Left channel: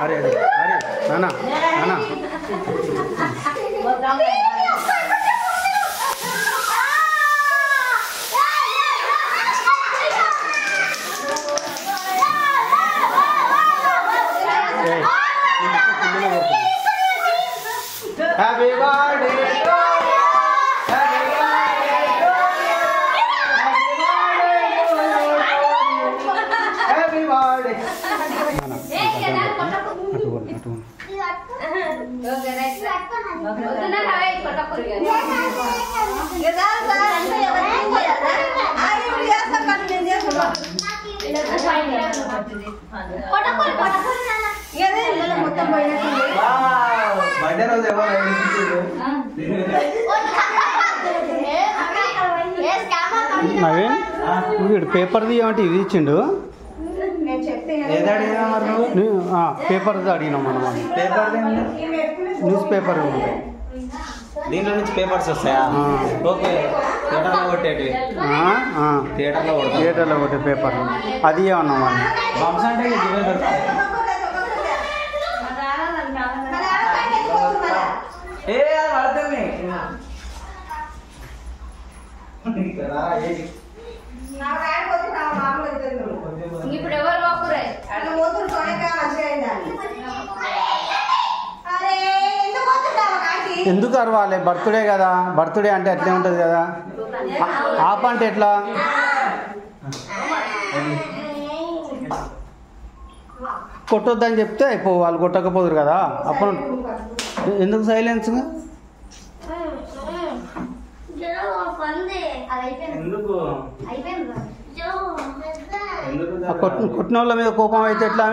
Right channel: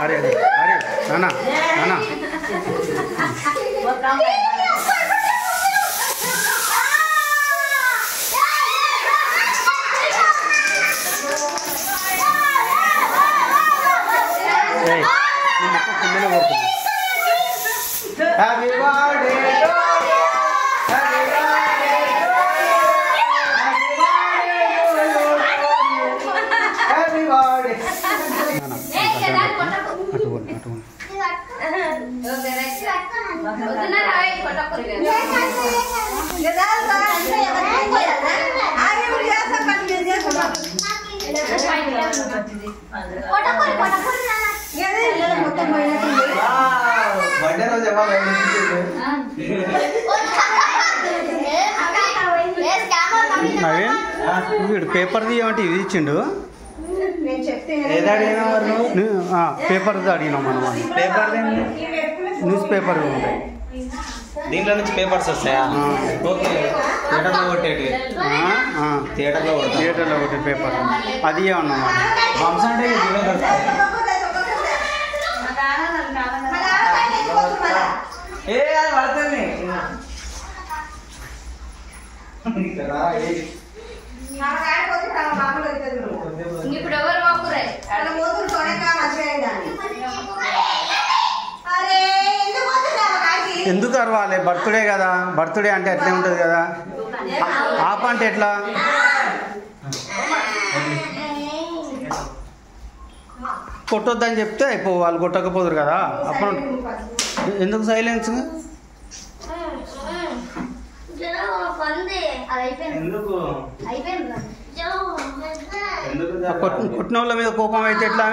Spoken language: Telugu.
అరే అరే అరే నానా నానా కిందనే కొడుతున్నా హ్యాపీ బర్త్డే బర్త్డే రోజు నవీన్ వీడు పేపర్ తీయమంటే ఇది ఇచ్చిండు పేపర్ అడిగినాం మనం పేపర్ న్యూస్ పేపర్ ఉంటాయి దీంట్లో నుంచి పేపర్స్ వస్తాయి ఓకే థియేటర్లో కొట్టేటివి థియేటర్లో కొట్టే పేపర్ అది ఏమన్నా బంప్స్ అంటే ఇవే దొరుకుతాయి ఏ అది పడుతుంది ఇప్పుడు ఎవరు ఎందుకు అరవాలి బర్త్డే కదా బర్త్డే అంటే అట్లే ఉంటుంది కదా ఆప అంటే ఎట్లా కొట్టొద్దని చెప్తే అయిపో వాళ్ళు కొట్టకపోదురు కదా అప్పుడు ఎందుకు సైలెన్స్ కొట్టిన వాళ్ళ మీద కోపం అయితే ఎట్లా